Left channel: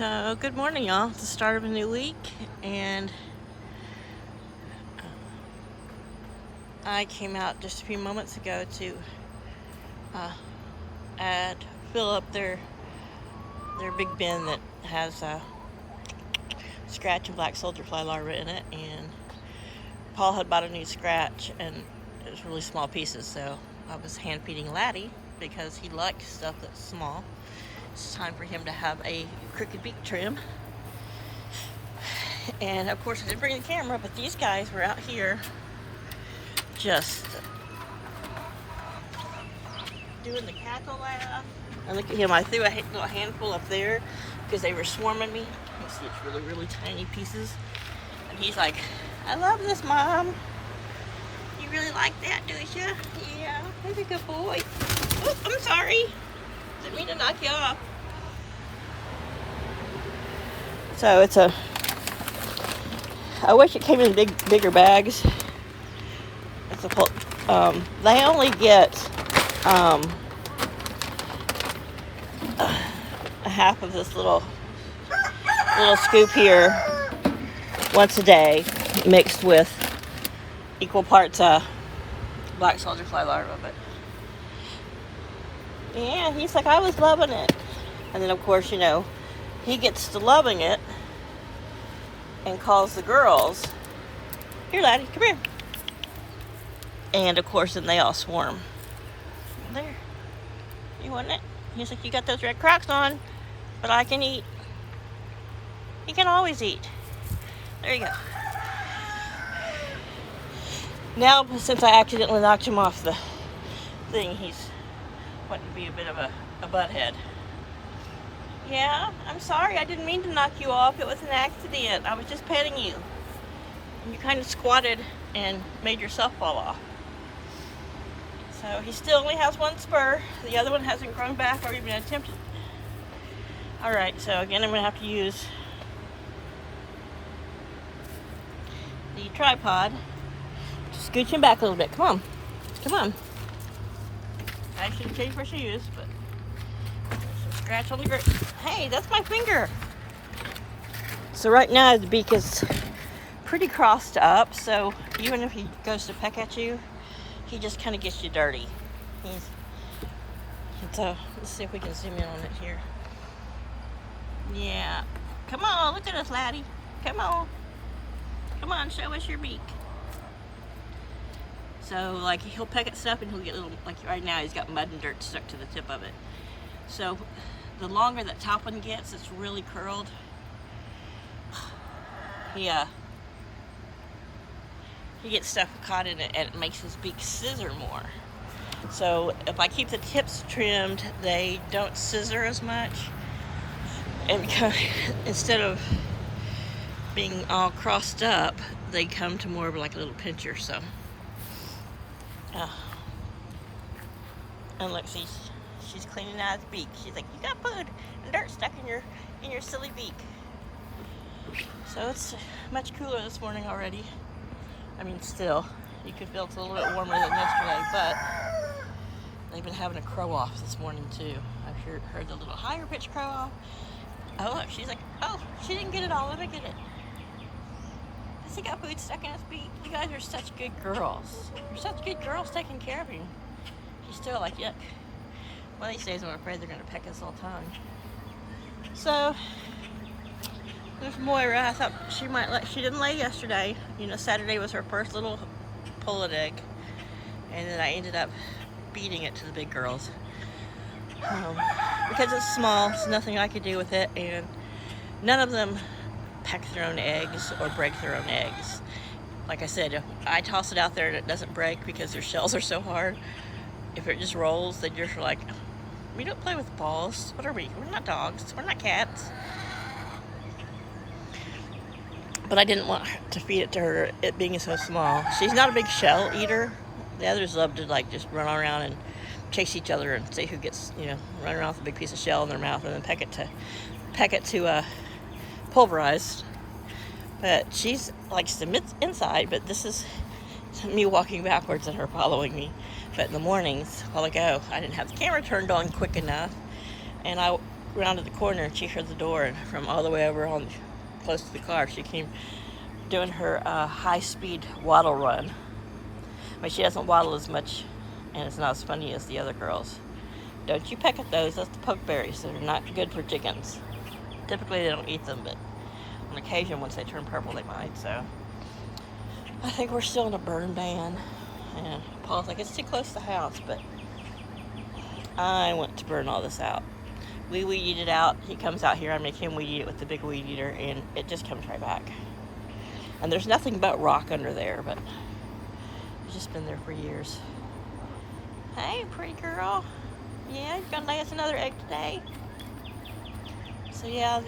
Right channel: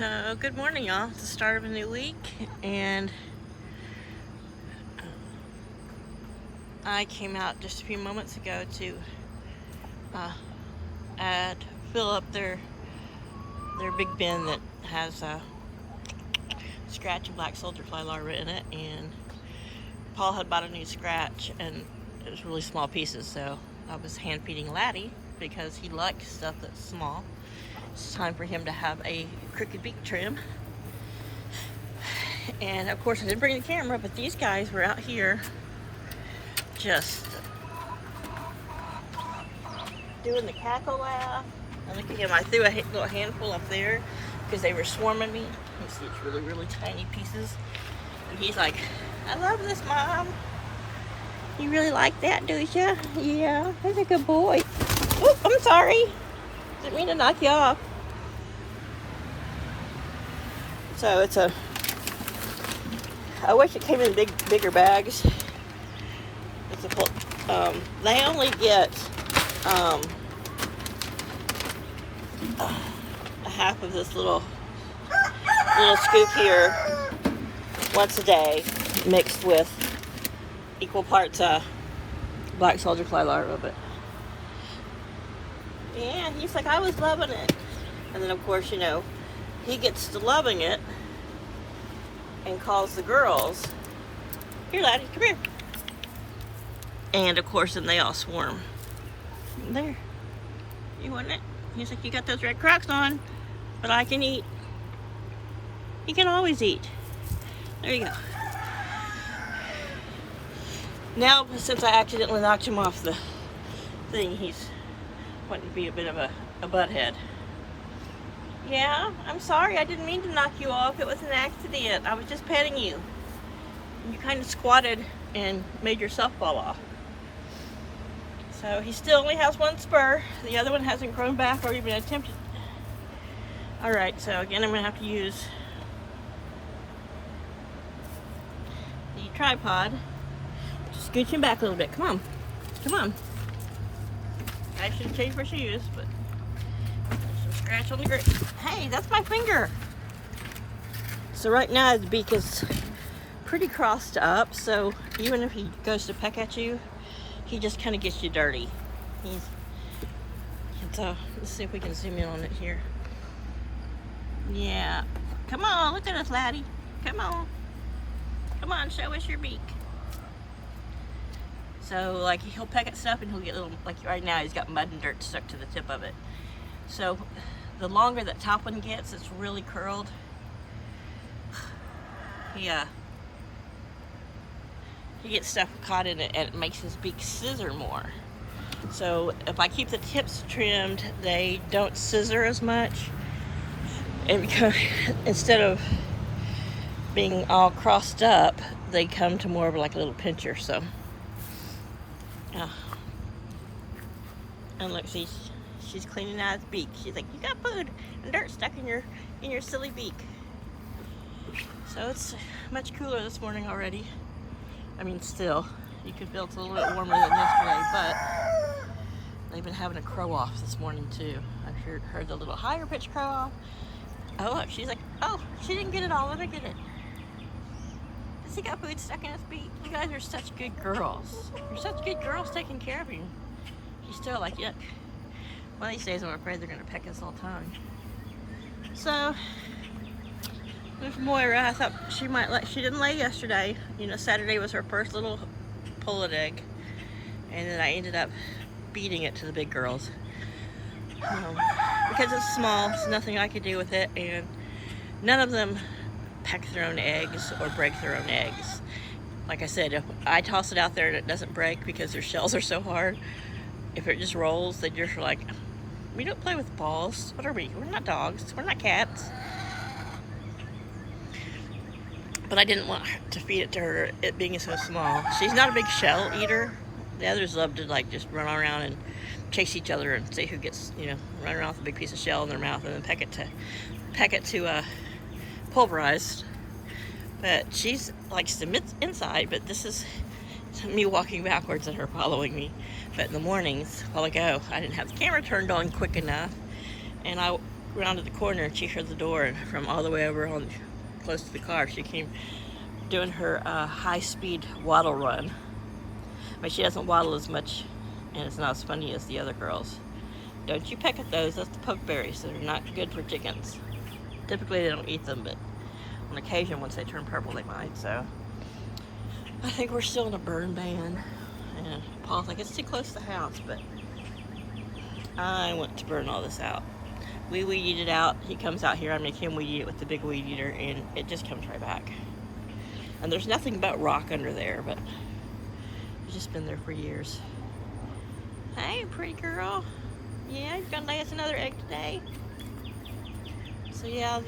So, good morning, y'all. It's the start of a new week, and I came out just a few moments ago to fill up their big bin that has scratch and black soldier fly larvae in it. And Paul had bought a new scratch, and it was really small pieces, so I was hand feeding Laddie because he likes stuff that's small. It's time for him to have a crooked beak trim. And of course I didn't bring the camera, but these guys were out here just doing the cackle laugh. And look at him, I threw a little handful up there because they were swarming me. You see it's really, really tiny pieces. And he's like, I love this, Mom. You really like that, do you? Yeah, he's a good boy. Oh, I'm sorry. Didn't mean to knock you off. So it's I wish it came in bigger bags. It's a full, they only get a half of this little scoop here once a day, mixed with equal parts black soldier fly larvae. But yeah, he's like, I was loving it. And then of course, you know, he gets to loving it and calls the girls, here, Laddie, come here. And of course, then they all swarm. There, you want it? He's like, you got those red Crocs on, but I can eat. He can always eat. There you go. Now, since I accidentally knocked him off the thing, he's wanting to be a bit of a butthead. Yeah, I'm sorry, I didn't mean to knock you off. It was an accident. I was just petting you. You kind of squatted and made yourself fall off. So he still only has one spur. The other one hasn't grown back or even attempted. Alright, so again, I'm going to have to use the tripod. Just scooch him back a little bit. Come on. Come on. I should change my shoes, but scratch on the grip. Hey, that's my finger. So right now the beak is pretty crossed up, so even if he goes to peck at you, he just kind of gets you dirty. So let's see if we can zoom in on it here. Yeah. Come on, look at us, Laddie. Come on. Come on, show us your beak. So like he'll peck at stuff and he'll get little, like right now he's got mud and dirt stuck to the tip of it. So the longer that top one gets, it's really curled. He gets stuff caught in it and it makes his beak scissor more. So if I keep the tips trimmed, they don't scissor as much. And because instead of being all crossed up, they come to more of like a little pincher. So yeah. And look, she's cleaning out his beak. She's like, you got food and dirt stuck in your silly beak. So it's much cooler this morning already. I mean, still, you could feel it's a little bit warmer than yesterday, but they've been having a crow off this morning too. I've heard the little higher pitch crow off. Oh look, she's like, oh, she didn't get it all. Let me get it. Does he got food stuck in his beak? You guys are such good girls. You're such good girls taking care of him. She's still like, yuck. One of these days I'm afraid they're gonna peck his whole tongue. So there's Moira. I thought she might she didn't lay yesterday. You know, Saturday was her first little pullet egg. And then I ended up feeding it to the big girls. Because it's small, there's nothing I could do with it, and none of them peck their own eggs or break their own eggs. Like I said, if I toss it out there and it doesn't break because their shells are so hard, if it just rolls, they just are like, we don't play with balls. What are we? We're not dogs. We're not cats. But I didn't want to feed it to her, it being so small. She's not a big shell eater. The others love to like just run around and chase each other and see who gets, you know, run around with a big piece of shell in their mouth and then peck it to pulverized. But she's likes the inside, but this is me walking backwards and her following me. But in the mornings, a while ago, I didn't have the camera turned on quick enough, and I around to the corner and she heard the door, and from all the way over on close to the car, she came doing her high-speed waddle run. I mean, she doesn't waddle as much, and it's not as funny as the other girls. Don't you peck at those. That's the pokeberries. They're not good for chickens. Typically, they don't eat them, but on occasion, once they turn purple, they might. So I think we're still in a burn ban. And Paul's like, it's too close to the house, but I want to burn all this out. We weed eat it out. He comes out here. I make him weed eat it with the big weed eater, and it just comes right back. And there's nothing but rock under there, but it's just been there for years. Hey, pretty girl. Yeah, you're gonna lay us another egg today. So yeah,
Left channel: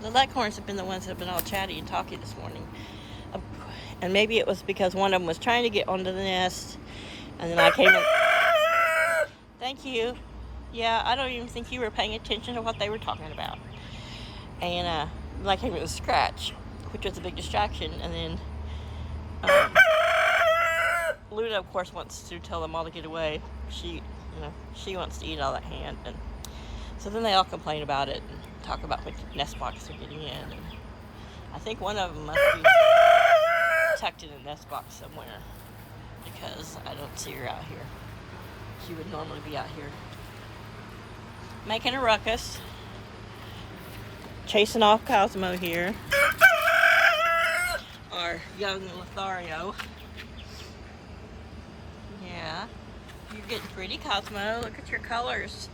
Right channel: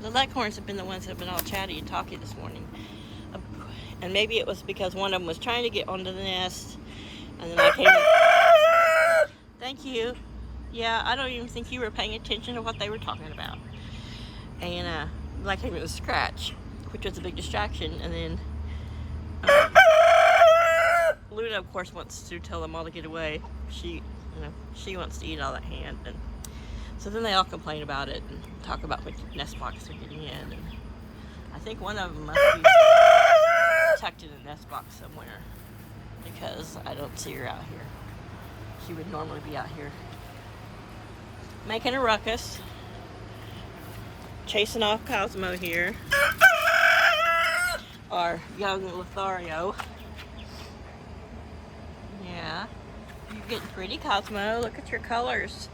the leghorns have been the ones that have been all chatty and talky this morning. And maybe it was because one of them was trying to get onto the nest, and then I came in. Thank you. Yeah, I don't even think you were paying attention to what they were talking about. And I came in with Scratch, which was a big distraction. And then Luna, of course, wants to tell them all to get away. She wants to eat all that hand. And so then they all complain about it and talk about which nest box they're getting in. And I think one of them must be tucked in a nest box somewhere, because I don't see her out here. She would normally be out here making a ruckus, chasing off Cosmo here, our young Lothario. Yeah, you're getting pretty, Cosmo. Look at your colors.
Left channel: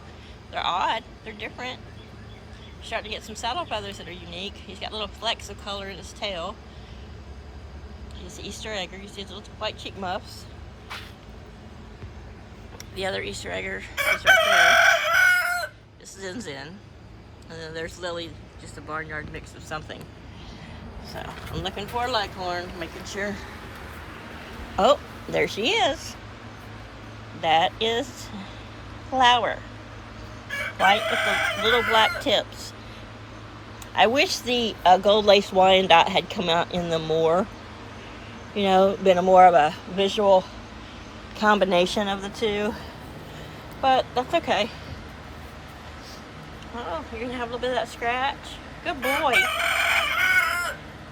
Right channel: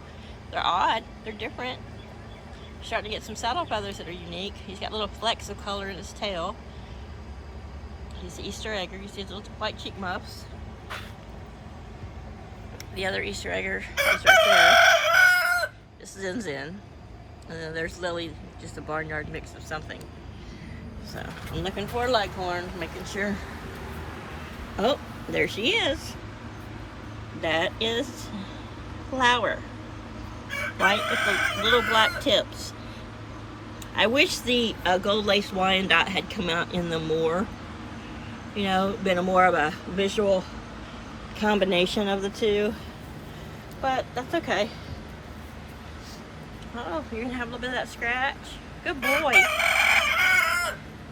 They're odd. They're different. Starting to get some saddle feathers that are unique. He's got little flecks of color in his tail. He's the Easter egger. You see his little white cheek muffs. The other Easter egger is right there. This is Zin. And then there's Lily, just a barnyard mix of something. So I'm looking for a leghorn, making sure. Oh, there she is. That is Flower. White with the little black tips. I wish the gold lace Wyandotte had come out in the more, been more of a visual combination of the two. But that's okay. Oh, you're gonna have a little bit of that Scratch. Good boy.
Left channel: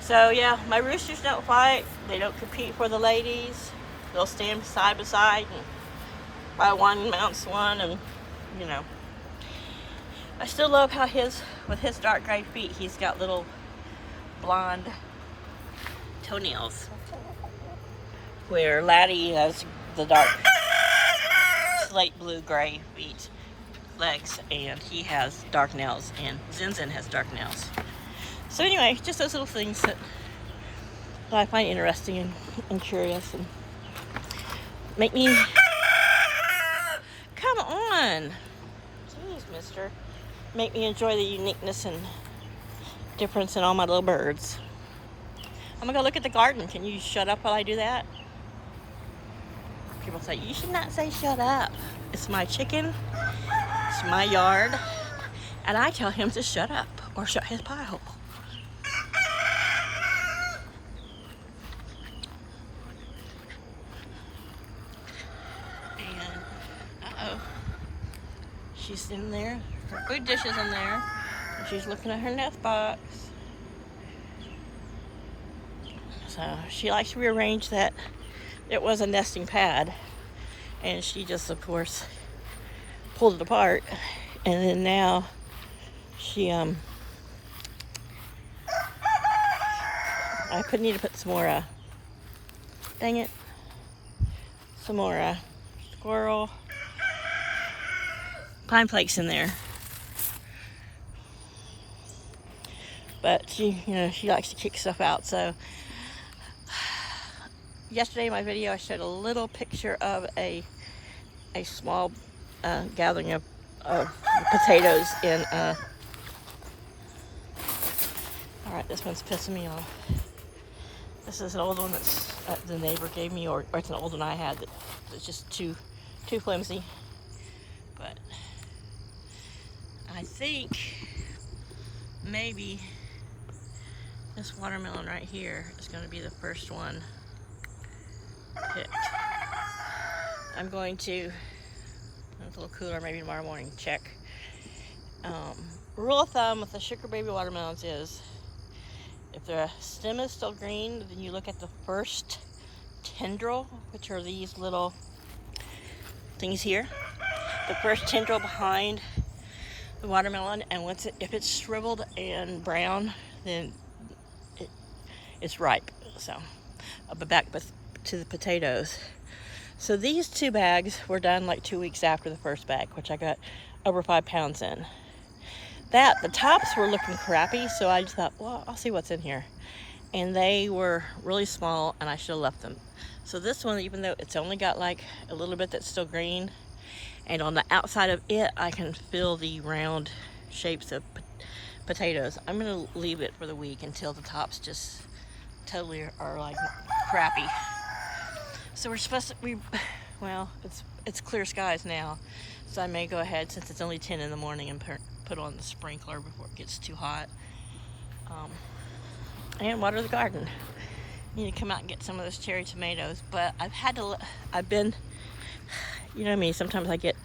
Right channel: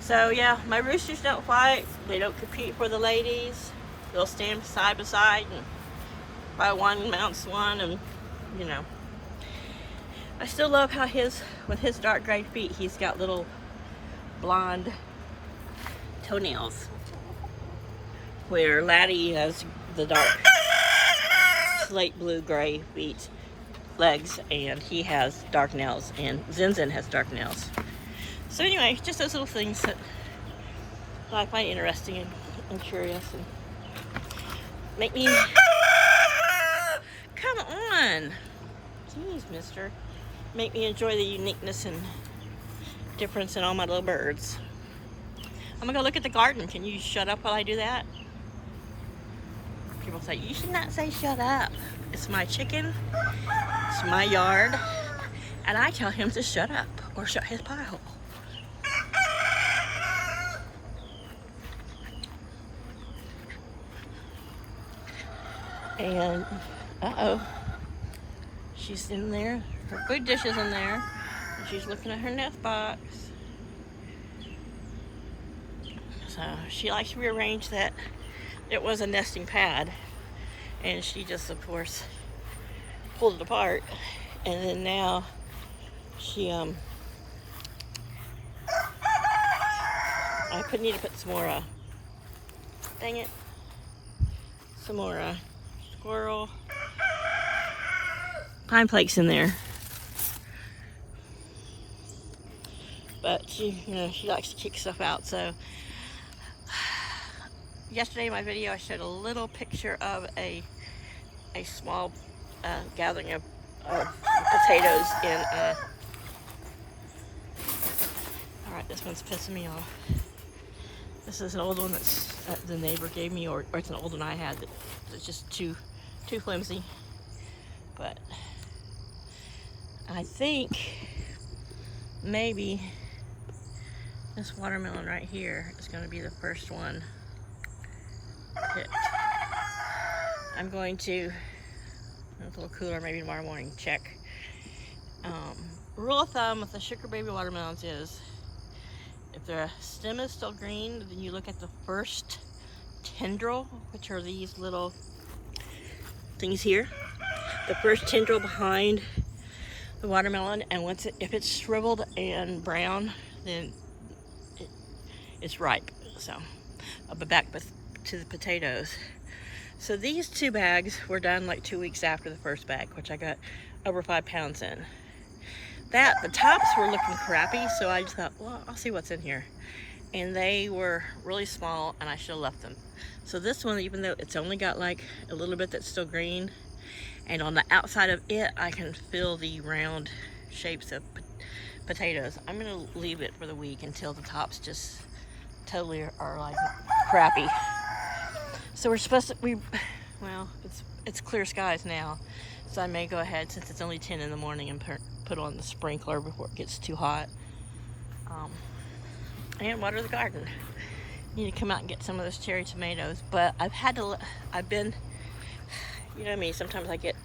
So yeah, my roosters don't fight. They don't compete for the ladies. They'll stand side by side, and by one mounts one, and I still love how with his dark gray feet, he's got little blonde toenails, where Laddie has the dark slate blue gray feet, legs, and he has dark nails, and Zin has dark nails. So anyway, just those little things that I find interesting and curious, and make me come on, jeez, mister, make me enjoy the uniqueness and difference in all my little birds. I'm gonna go look at the garden. Can you shut up while I do that? People say, you should not say shut up. It's my chicken, it's my yard, and I tell him to shut up or shut his pie hole. And, uh-oh, she's in there, her food dish is in there, and she's looking at her nest box. So she likes to rearrange that. It was a nesting pad, and she just, of course, pulled it apart, and then now she, I need to put some more, dang it, some more, squirrel pine flakes in there. But she likes to kick stuff out. So yesterday in my video I showed a little picture of a small gathering of potatoes in alright, this one's pissing me off. This is an old one that the neighbor gave me, or it's an old one I had that's just too flimsy. But I think maybe this watermelon right here is going to be the first one picked. I'm going to, when it's a little cooler, maybe tomorrow morning, check Rule of thumb with the sugar baby watermelons is, if the stem is still green, then you look at the first tendril, which are these little things here. The first tendril behind the watermelon, and if it's shriveled and brown, then it's ripe. So I'll be back to the potatoes. So these 2 bags were done like 2 weeks after the first bag, which I got over 5 pounds in. The tops were looking crappy, so I just thought, well, I'll see what's in here. And they were really small, and I should have left them. So this one, even though it's only got like a little bit that's still green, and on the outside of it, I can feel the round shapes of potatoes. I'm gonna leave it for the week until the tops just totally are like crappy. So we're supposed to, well, it's clear skies now. So I may go ahead, since it's only 10 in the morning, and put on the sprinkler before it gets too hot. And water the garden. I need to come out and get some of those cherry tomatoes, but I've been, you know me, sometimes I get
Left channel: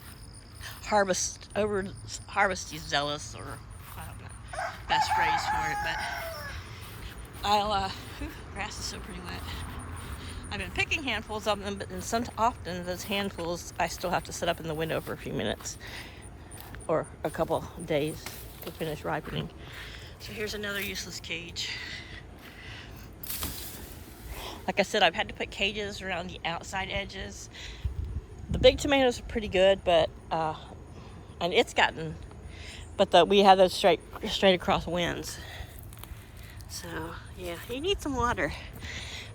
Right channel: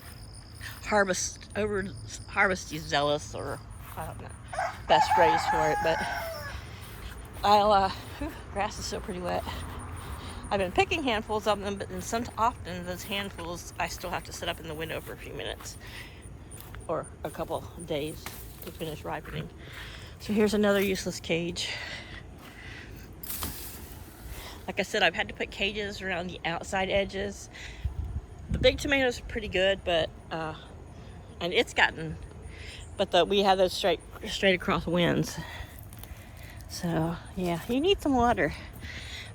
harvesty zealous, or I don't know, best phrase for it, but grass is so pretty wet. I've been picking handfuls of them, but then often those handfuls I still have to sit up in the window for a few minutes or a couple days to finish ripening. So here's another useless cage. Like I said, I've had to put cages around the outside edges. The big tomatoes are pretty good, but we have those straight across winds. So yeah, you need some water.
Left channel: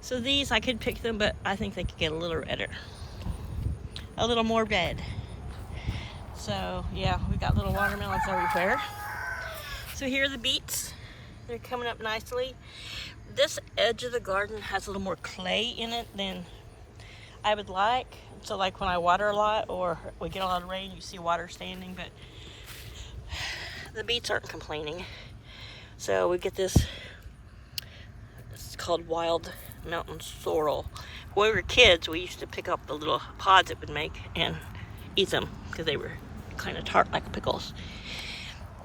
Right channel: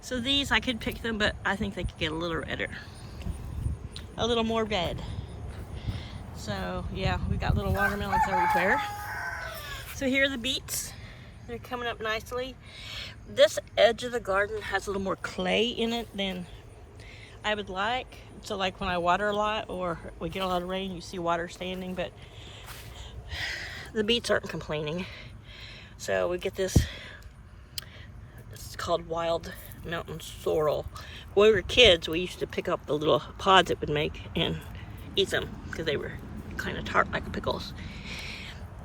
So these, I could pick them, but I think they could get a little redder, a little more red. So yeah, we got little watermelons everywhere. So here are the beets. They're coming up nicely. This edge of the garden has a little more clay in it than I would like. So like when I water a lot or we get a lot of rain, you see water standing, but the beets aren't complaining. So we get this, it's called wild mountain sorrel. When we were kids, we used to pick up the little pods it would make and eat them because they were kind of tart like pickles.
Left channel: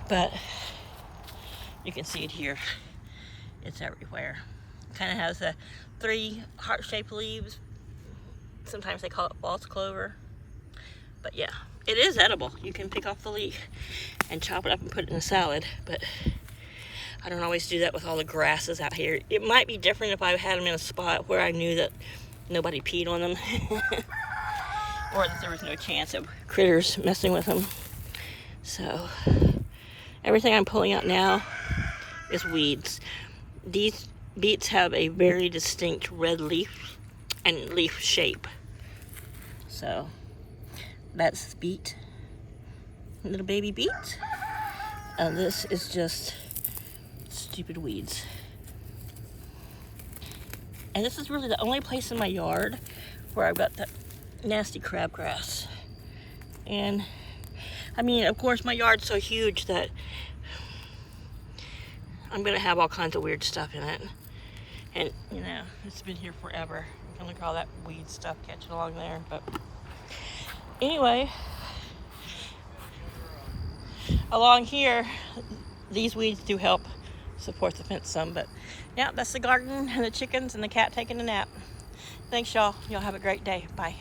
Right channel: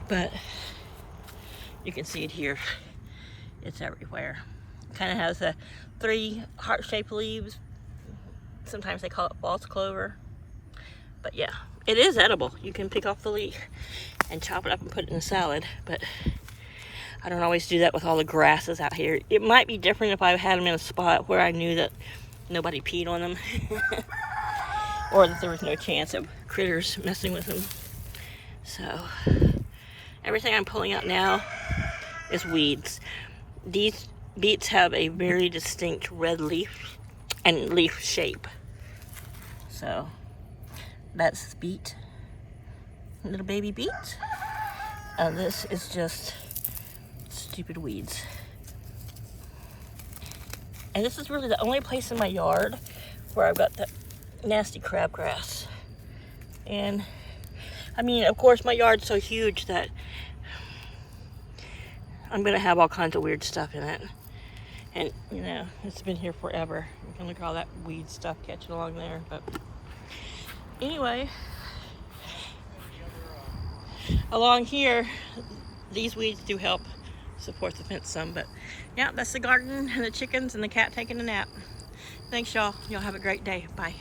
But you can see it here. It's everywhere. It kind of has 3 heart-shaped leaves. Sometimes they call it false clover. But yeah, it is edible. You can pick off the leaf and chop it up and put it in a salad. But I don't always do that with all the grasses out here. It might be different if I had them in a spot where I knew that nobody peed on them. Or that there was no chance of critters messing with them. So everything I'm pulling out now is weeds. These beets have a very distinct red leaf and leaf shape. So that's beet, little baby beet. This is just stupid weeds. And this is really the only place in my yard where I've got that nasty crabgrass. And I mean, of course, my yard's so huge that I'm gonna have all kinds of weird stuff in it. And you know, it's been here forever. You can look at all that weed stuff catching along there. But anyway, along here, these weeds do help support the fence some. But yeah, that's the garden and the chickens and the cat taking a nap. Thanks, y'all. Y'all have a great day. Bye.